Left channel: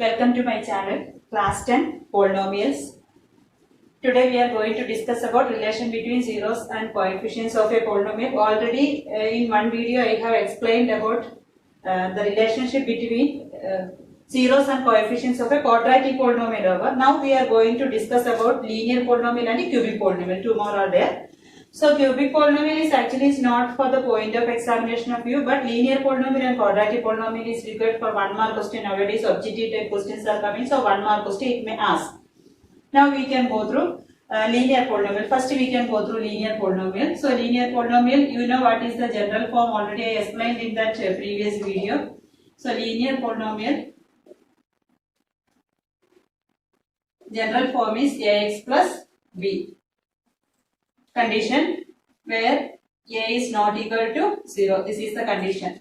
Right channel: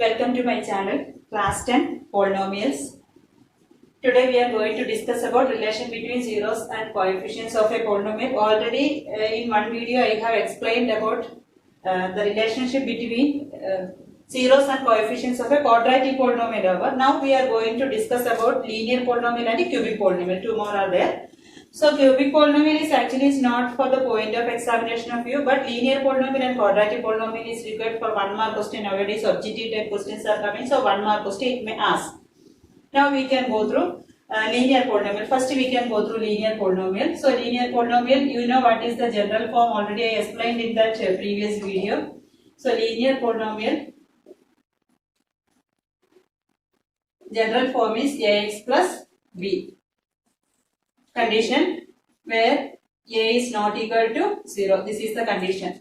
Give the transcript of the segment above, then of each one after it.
Welcome to my channel, Class 10 Polynomials. Today we are going to discuss about relation between zeros and coefficients of a polynomial. Already in one video I have explained about the relationship between zeros and coefficients of a quadratic polynomial. Now we are going to discuss about linear polynomial and a cubic polynomial. Two more are there. So cubic polynomial is actually not for the point of examination of you, but linear polynomial and quadratic polynomial is required for 1 mark question. Nowadays objective type questions are coming, so 1 mark question it may ask. Now we can go through linear polynomial. First we can go through linear polynomial. So linear polynomial, you know what is the general form, already I explained in that previous video. So linear polynomial, general form is ax plus b. Condition where a is not equal to 0. This is the condition.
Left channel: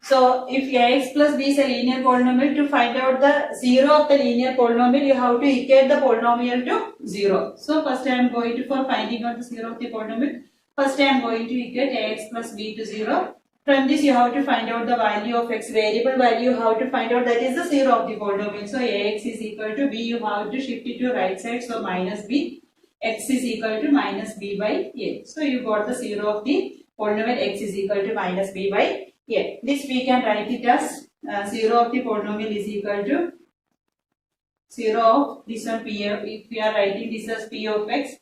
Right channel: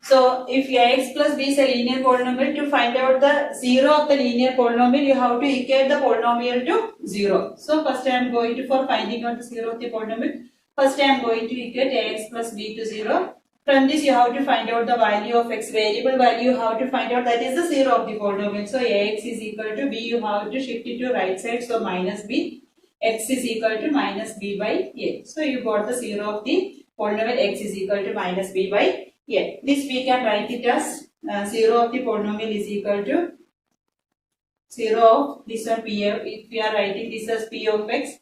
So if ax plus b is a linear polynomial, to find out the 0 of the linear polynomial, you have to equate the polynomial to 0. So first I am going to, for finding out the 0 of the polynomial, first I am going to equate ax plus b to 0. From this you have to find out the value of x, variable value you have to find out, that is the 0 of the polynomial. So ax is equal to b, you have to shift it to right side, so minus b. X is equal to minus b by a. So you got the 0 of the polynomial x is equal to minus b by a. This we can write it as 0 of the polynomial is equal to 0 of this one p. If we are writing this as p of x,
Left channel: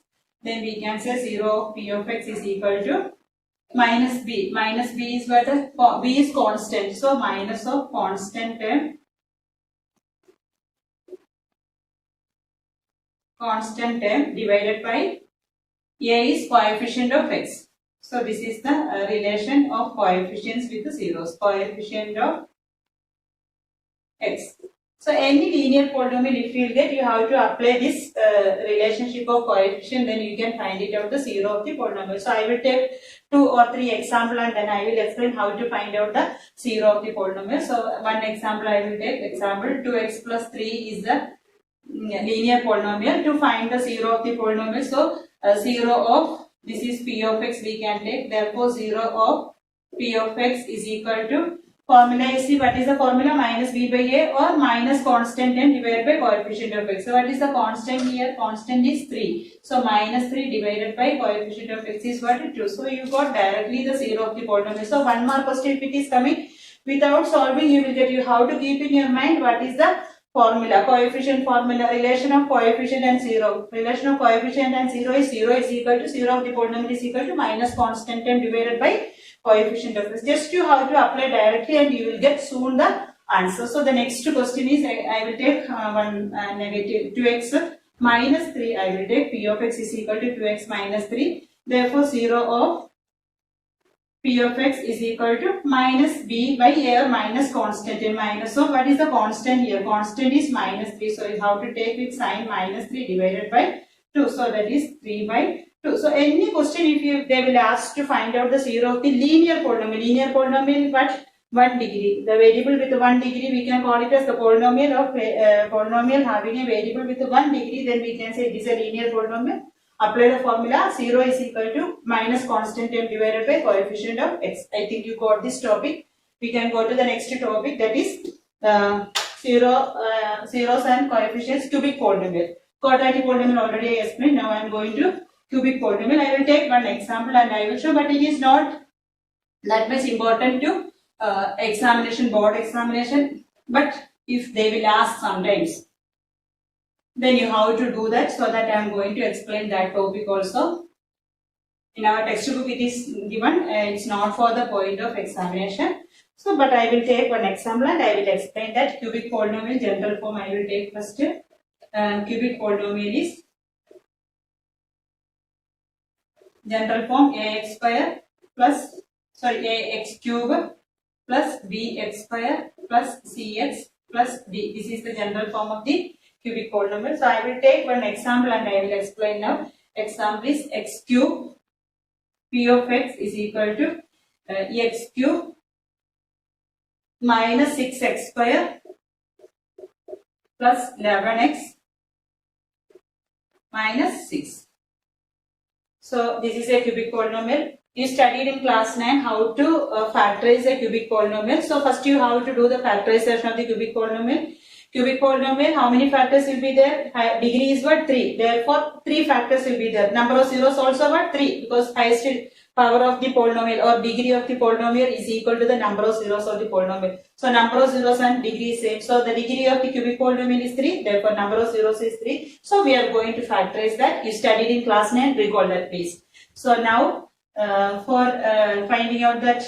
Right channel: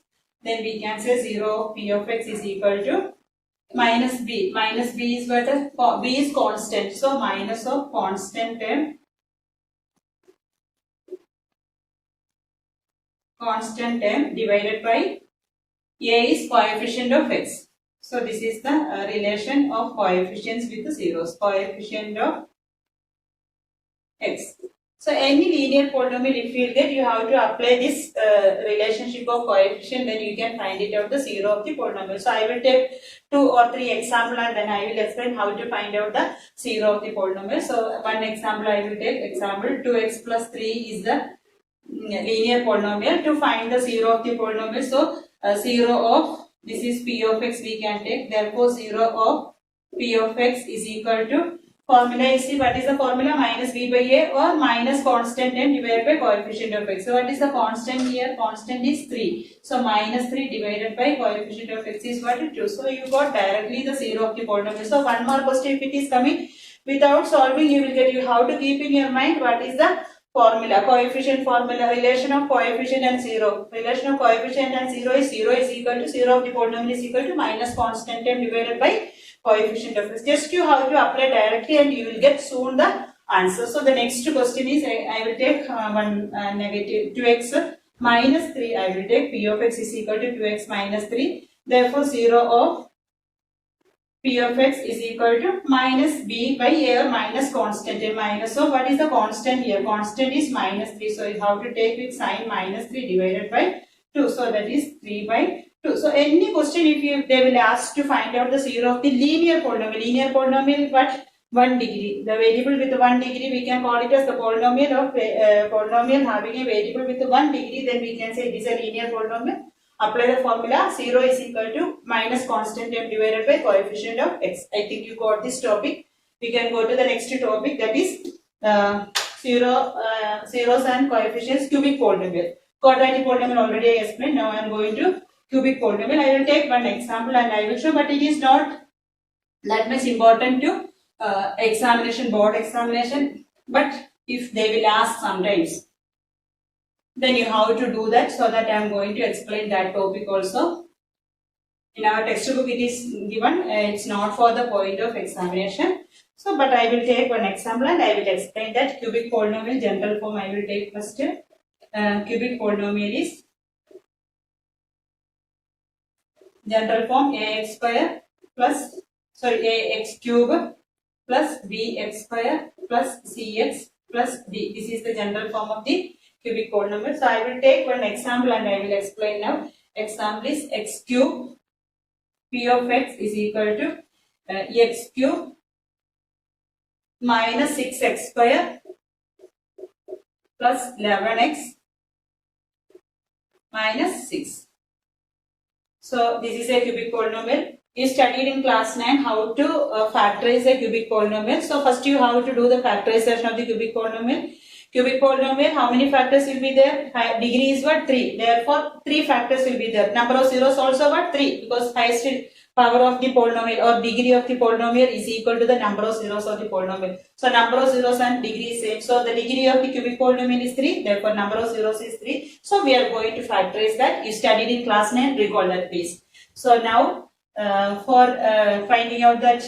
then we can say 0 of p of x is equal to minus b. Minus b is what? B is constant. So minus of constant term. Constant term divided by a is coefficient of x. So this is the relation of coefficients with the zeros. Coefficient of x. So any linear polynomial if you get, you have to apply this relationship of coefficient, then you can find it out the 0 of the polynomial. So I will take 2 or 3 examples and then I will explain how to find out the 0 of the polynomial. So one example I will take, example 2x plus 3 is the linear polynomial. To find the 0 of the polynomial, so 0 of this is p of x we can take, therefore 0 of p of x is equal to, formula is, what is the formula, minus b by a or minus constant and divided by coefficient of x. So what is the constant here? Constant is 3, so minus 3 divided by coefficient of x is what? 2. So you got directly the 0 of the polynomial. So 1 mark question if it is coming, without solving you will get, you have to keep in your mind what is the formula, coefficient formula, relation of coefficient and 0. Relation of coefficient and 0 is equal to 0 of the polynomial is equal to minus constant term divided by coefficient of x. Just you have to apply directly and you will get soon the answer. So the next question is, I will take negative 2x minus 3. I will take p of x is equal to 2x minus 3. Therefore 0 of p of x is equal to minus b by a or minus constant a minus. So what is the constant here? Constant is minus 3. So you have to take it sign minus 3 divided by 2. So that is 3 by 2. So any question if they will ask to find out the 0 of the linear polynomial. Linear polynomial what? 1 degree. The variable with 1 degree we can call it as the polynomial of polynomial having a variable with 1 degree. Then we can say it is a linear polynomial. Apply the formula, 0 is equal to minus constant term divided by coefficient of x. I think you got this topic. We can go to the next topic, that is zeros and coefficients, cubic polynomial. Quadratic polynomial already I explained. Now I am going to cubic polynomial. I will take one example and I will show, but it is not that much important to examination, board examination. But if they will ask sometimes, then you have to do that, so that I am going to explain that topic also. In our textbook it is given, it's not for the point of examination. So but I will take one example and I will explain that cubic polynomial general form. I will take first. Cubic polynomial is general form ax square plus, ax cube plus bx square plus cx plus d. This is the general form of the cubic polynomial. So I will take one example and I will explain now. Example is x cube p of x is equal to x cube minus 6x square plus 11x minus 6. So this is a cubic polynomial. You studied in class 9 how to factorize a cubic polynomial. So first you have to do the factorization of the cubic polynomial. Cubic polynomial, how many factors will be there? Degree is what? 3. Therefore, 3 factors will be there. Number of zeros also what? 3, because highest power of the polynomial or degree of the polynomial is equal to the number of zeros of the polynomial. So, number of zeros and degree is same. So, the degree of the cubic polynomial is 3. Therefore, number of zeros is 3. So, we are going to factorize that. You studied in class 9. Recall that, please. So, now for finding out that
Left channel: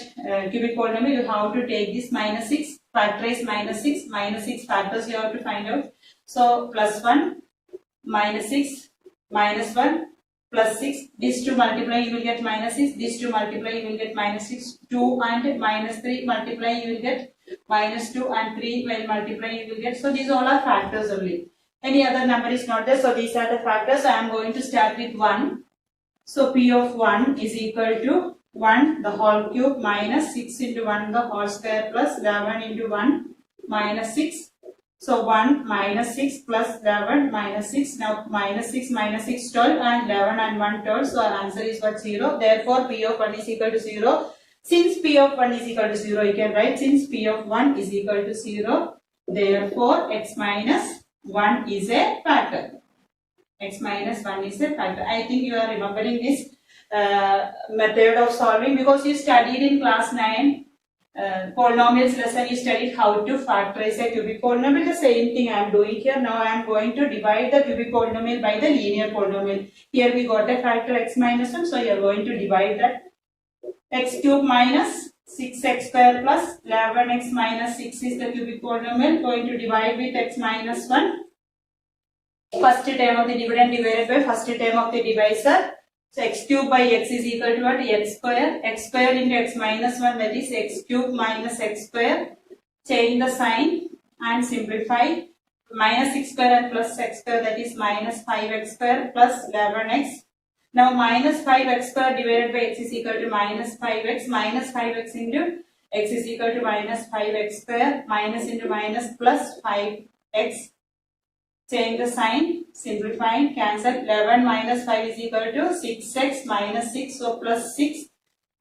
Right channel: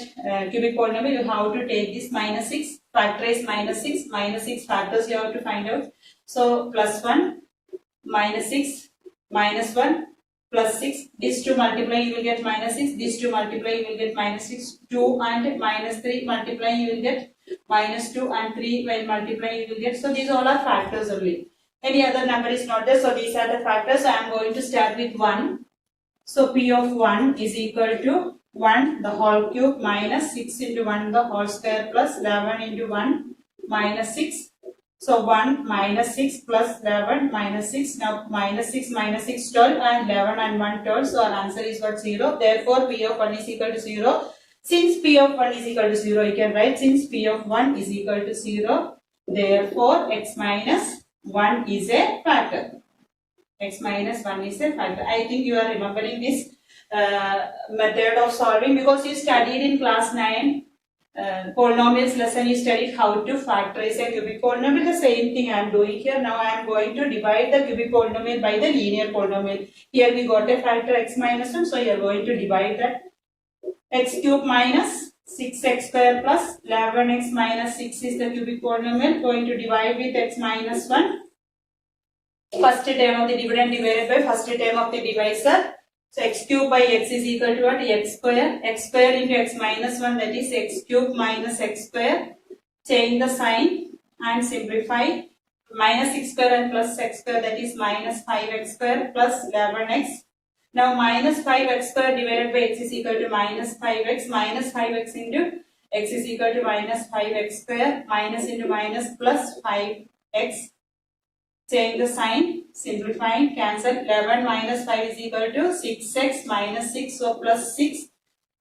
cubic polynomial, you have to take this minus 6, factorize minus 6 factors you have to find out. So plus 1, minus 6, minus 1, plus 6. These two multiply, you will get minus 6. These two multiply, you will get minus 6. 2 and minus 3 multiply, you will get minus 2, and 3 when multiply, you will get. So these all are factors only. Any other number is not there. So these are the factors. I am going to start with 1. So P of 1 is equal to 1 the whole cube minus 6 into 1 the whole square plus 11 into 1 minus 6. So 1 minus 6 plus 11 minus 6. Now minus 6 minus 6 12 and 11 and 1 12. So our answer is what? 0. Therefore P of 1 is equal to 0. Since P of 1 is equal to 0, you can write since P of 1 is equal to 0. Therefore x minus 1 is a factor. X minus 1 is a factor. I think you are remembering this method of solving because you studied in class 9 polynomials lesson. You studied how to factorize a cubic polynomial. The same thing I am doing here. Now I am going to divide the cubic polynomial by the linear polynomial. Here we got a factor x minus 1. So you are going to divide that. X cube minus 6x square plus 11x minus 6 is the cubic polynomial. Going to divide with x minus 1. First term of the dividend divided by first term of the divisor. So x cube by x is equal to what? X square. X square into x minus 1, that is x cube minus x square. Change the sign and simplify. Minus x square and plus x square, that is minus 5x square plus 11x. Now minus 5x square divided by x is equal to minus 5x. Minus 5x into x is equal to minus 5x square. Minus into minus plus 5x. Change the sign, simplifying, cancel. 11 minus 5 is equal to 6x minus 6, so plus 6.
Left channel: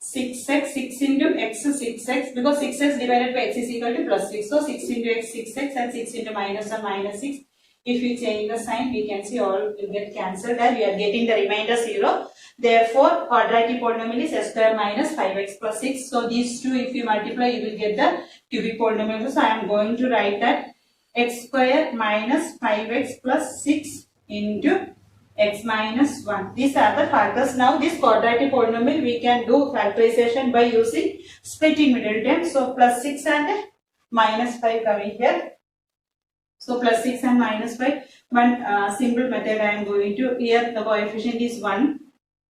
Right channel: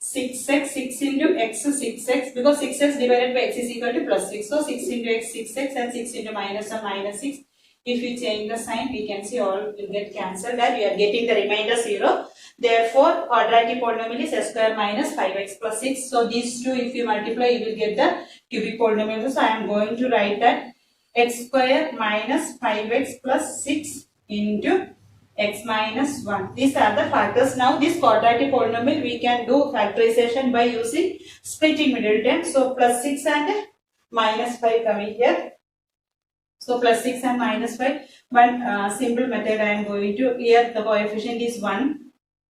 6x, 6 into x is 6x, because 6x divided by x is equal to plus 6. So 6 into x, 6x, and 6 into minus 1, minus 6. If we change the sign, we can see all will get cancelled and we are getting the remainder 0. Therefore, quadratic polynomial is x square minus 5x plus 6. So these two, if you multiply, you will get the cubic polynomial. So I am going to write that x square minus 5x plus 6 into x minus 1. These are the factors. Now this quadratic polynomial we can do factorization by using splitting middle term. So plus 6 and minus 5 coming here. So plus 6 and minus 5. One simple method I am going to. Here the coefficient is 1.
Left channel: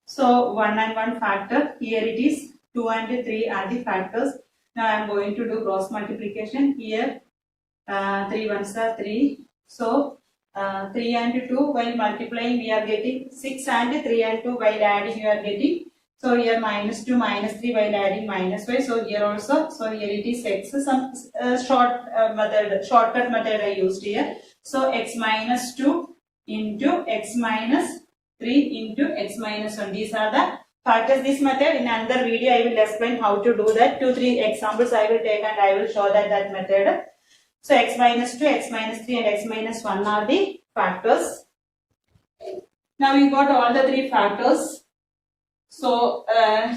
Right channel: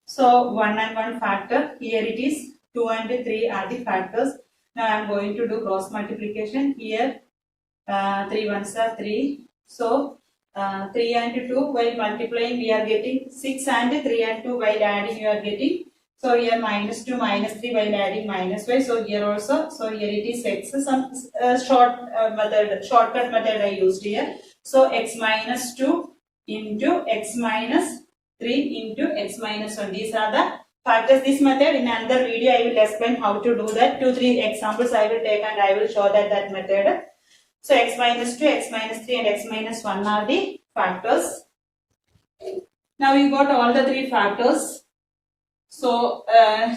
So 1 and 1 factor. Here it is 2 and 3 are the factors. Now I am going to do cross multiplication. Here 3 ones are 3. So 3 and 2 while multiplying we are getting 6, and 3 and 2 while adding we are getting. So here minus 2 minus 3 while adding minus 5. So here also. So here it is x. Some shortcut method I used here. So x minus 2 into x minus 3 into x minus 1. These are the factors. This method in another video I will explain how to do that. 2-3 examples I will take and I will show that method. So x minus 2, x minus 3 and x minus 1 are the factors. Now you got all the 3 factors. So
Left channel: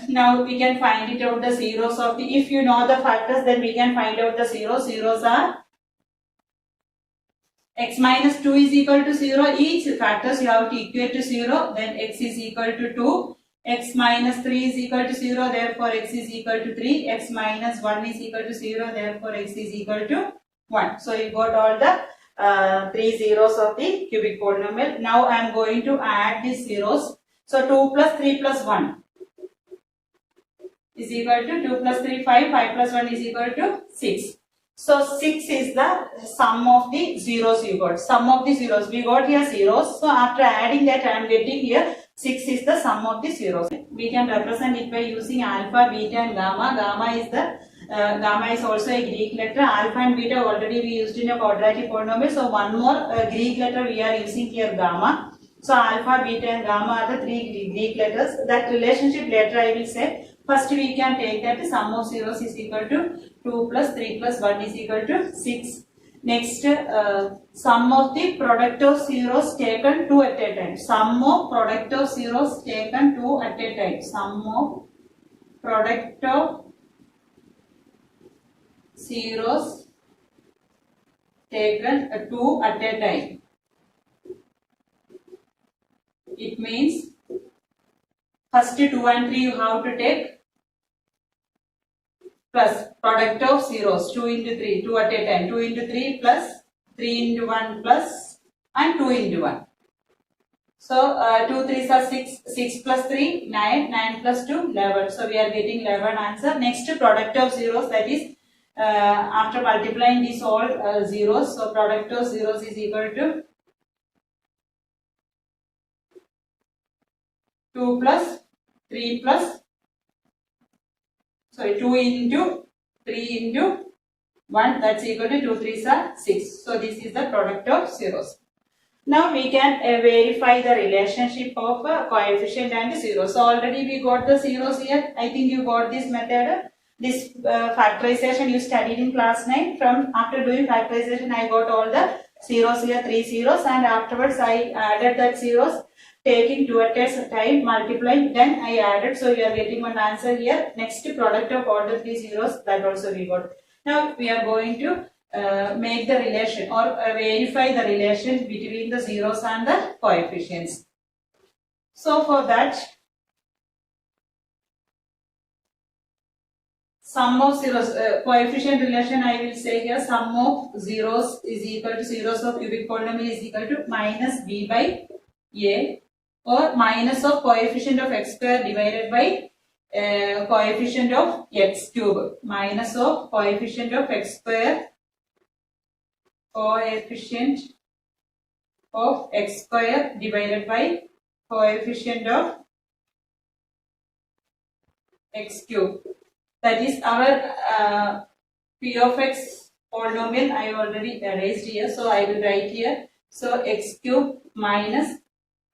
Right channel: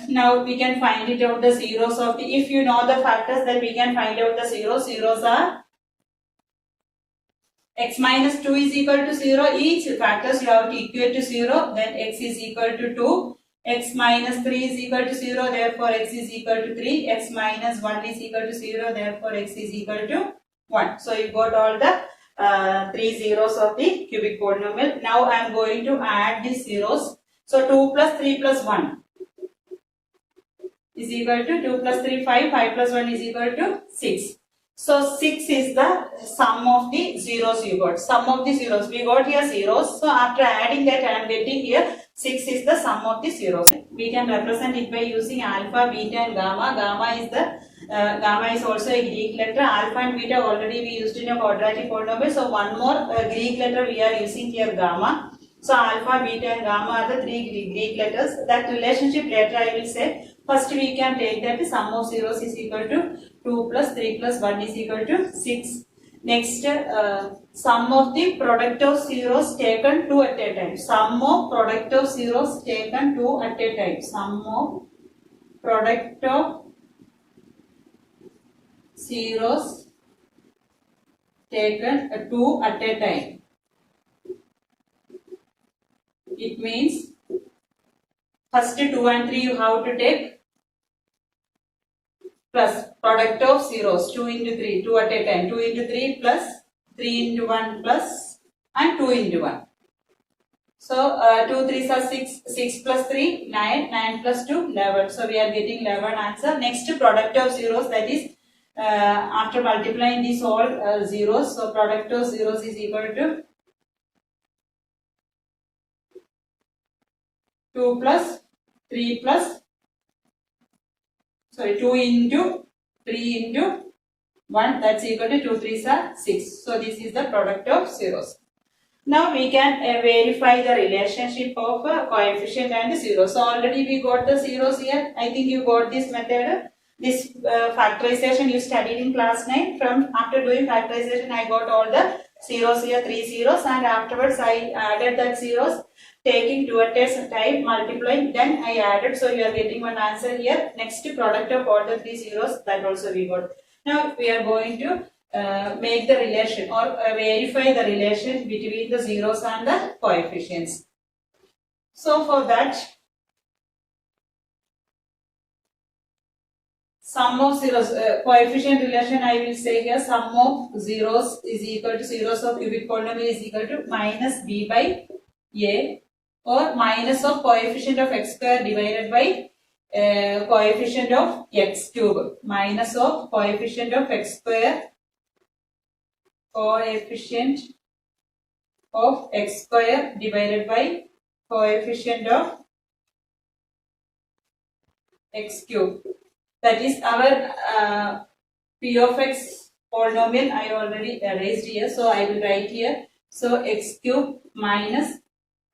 now we can find it out the zeros of the, if you know the factors then we can find out the zeros. Zeros are x minus 2 is equal to 0. Each factors you have to equate to 0. Then x is equal to 2. X minus 3 is equal to 0. Therefore x is equal to 3. X minus 1 is equal to 0. Therefore x is equal to 1. So you got all the 3 zeros of the cubic polynomial. Now I am going to add these zeros. So 2 plus 3 plus 1 is equal to 2 plus 3 5. 5 plus 1 is equal to 6. So 6 is the sum of the zeros you got. Sum of the zeros. We got here zeros. So after adding that I am getting here 6 is the sum of the zeros. We can represent it by using alpha, beta and gamma. Gamma is also a Greek letter. Alpha and beta already we used in a quadratic polynomial. So one more Greek letter we are using here, gamma. So alpha, beta and gamma are the 3 Greek letters. That relationship later I will say. First we can take that the sum of zeros is equal to 2 plus 3 plus 1 is equal to 6. Next, sum of the product of zeros taken 2 at a time. Sum of product of zeros taken 2 at a time. Sum of product of zeros taken 2 at a time. It means first 2 and 3 you have to take plus product of zeros 2 into 3, 2 at a time, 2 into 3 plus 3 into 1 plus and 2 into 1. So 2 3s are 6, 6 plus 3, 9, 9 plus 2, 11. So we are getting 11 answer. Next product of zeros, that is after multiplying these all zeros, so product of zeros is equal to 2 plus 3 plus, sorry, 2 into 3 into 1, that's equal to 2 3s are 6. So this is the product of zeros. Now we can verify the relationship of coefficient and zeros. So already we got the zeros here. I think you got this method. This factorization you studied in class 9. From after doing factorization, I got all the zeros here, 3 zeros, and afterwards I added that zeros, taking 2 at a time, multiplying, then I added. So we are getting one answer here. Next product of all the 3 zeros, that also we got. Now we are going to make the relation or verify the relation between the zeros and the coefficients. So for that, sum of zeros, coefficient relation I will say here, sum of zeros is equal to zeros of cubic polynomial is equal to minus b by a, or minus of coefficient of x square divided by coefficient of x cube, minus of coefficient of x square, coefficient of x square divided by coefficient of x cube. That is our p of x polynomial. I already erased here, so I will write here. So x cube minus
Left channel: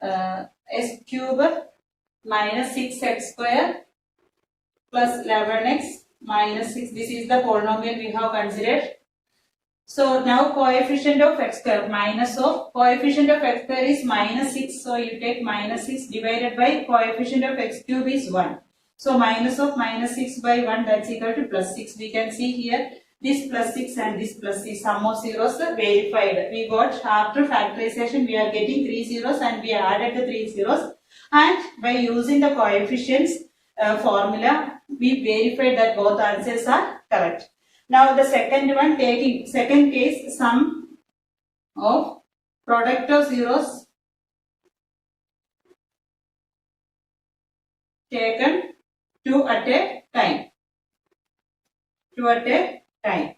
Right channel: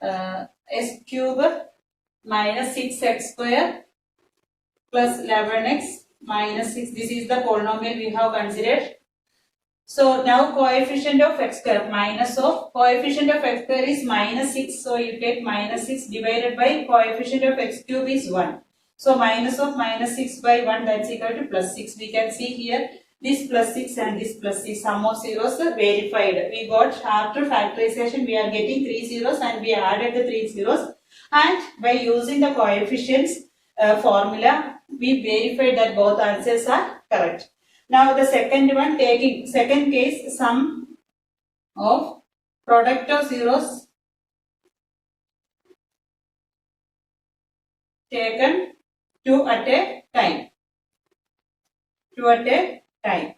x cube minus 6x square plus 11x minus 6. This is the polynomial we have considered. So now coefficient of x square, minus of coefficient of x square is minus 6. So you take minus 6 divided by coefficient of x cube is 1. So minus of minus 6 by 1, that's equal to plus 6. We can see here this plus 6 and this plus 6, sum of zeros are verified. We got after factorization we are getting 3 zeros and we added the 3 zeros, and by using the coefficients formula we verified that both answers are correct. Now the second one, taking second case, sum of product of zeros taken 2 at a time. 2 at a time.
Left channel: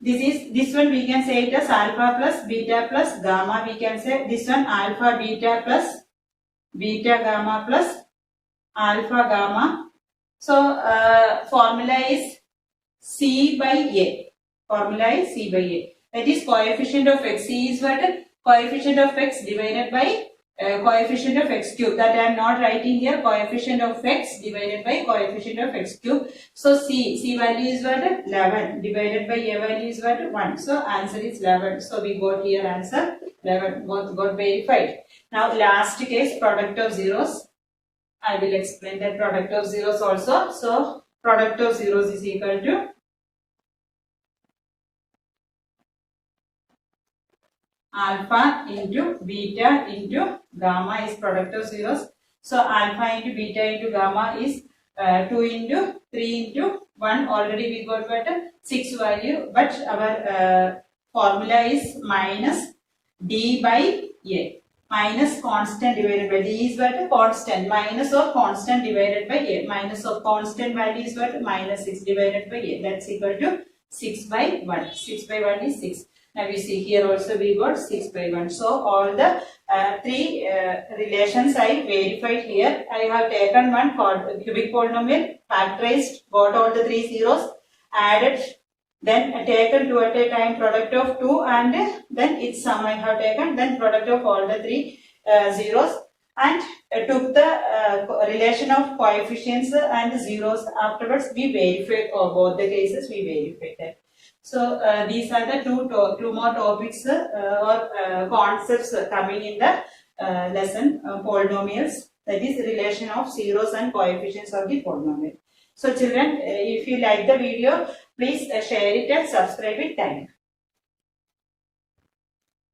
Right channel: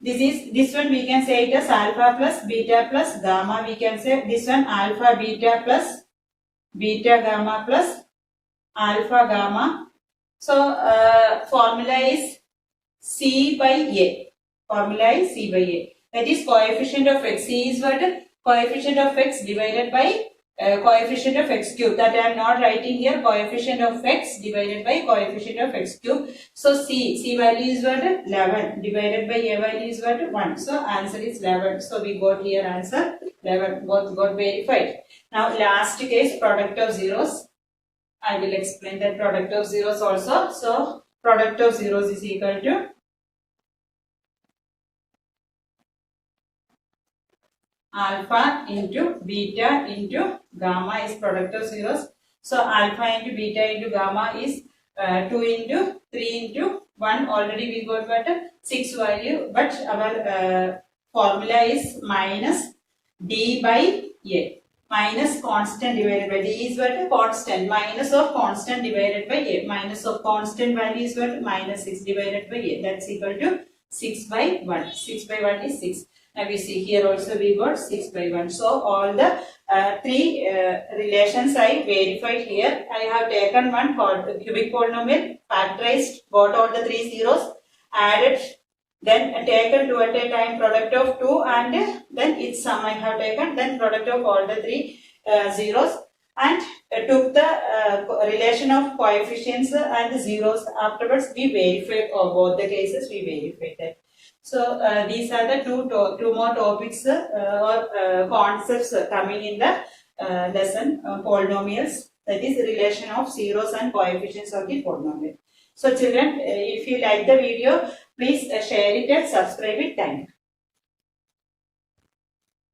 This one we can say it as alpha plus beta plus gamma. We can say this one alpha beta plus beta gamma plus alpha gamma. So formula is C by A. Formula is C by A. That is coefficient of x. C is what? Coefficient of x divided by coefficient of x cube. That I am not writing here. Coefficient of x divided by coefficient of x cube. So C value is what? 11 divided by A value is what? 1. So answer is 11. So we got here answer 11. Both got verified. Now last case, product of zeros. I will explain that product of zeros also. So product of zeros is equal to alpha into beta into gamma is product of zeros. So alpha into beta into gamma is 2 into 3 into 1. Already we got what? 6 value, but our formula is minus d by a. Minus constant divided by d is what? Constant. Minus of constant divided by a. Minus of constant value is what? Minus 6 divided by a. That's equal to 6 by 1. 6 by 1 is 6. Now we see here also we got 6 by 1. So all the three relations I verified here. I have taken one cubic polynomial, factorized, got all the 3 zeros, added, then taken 2 at a time, product of 2, and then its sum I have taken, then product of all the 3 zeros, and took the relation of coefficients and zeros. Afterwards we verified both the cases, we verified that. So these are the two more topics or concepts coming in the lesson polynomials, that is relation of zeros and coefficients of the polynomial. So children, if you like the video, please share it and subscribe it. Thank you.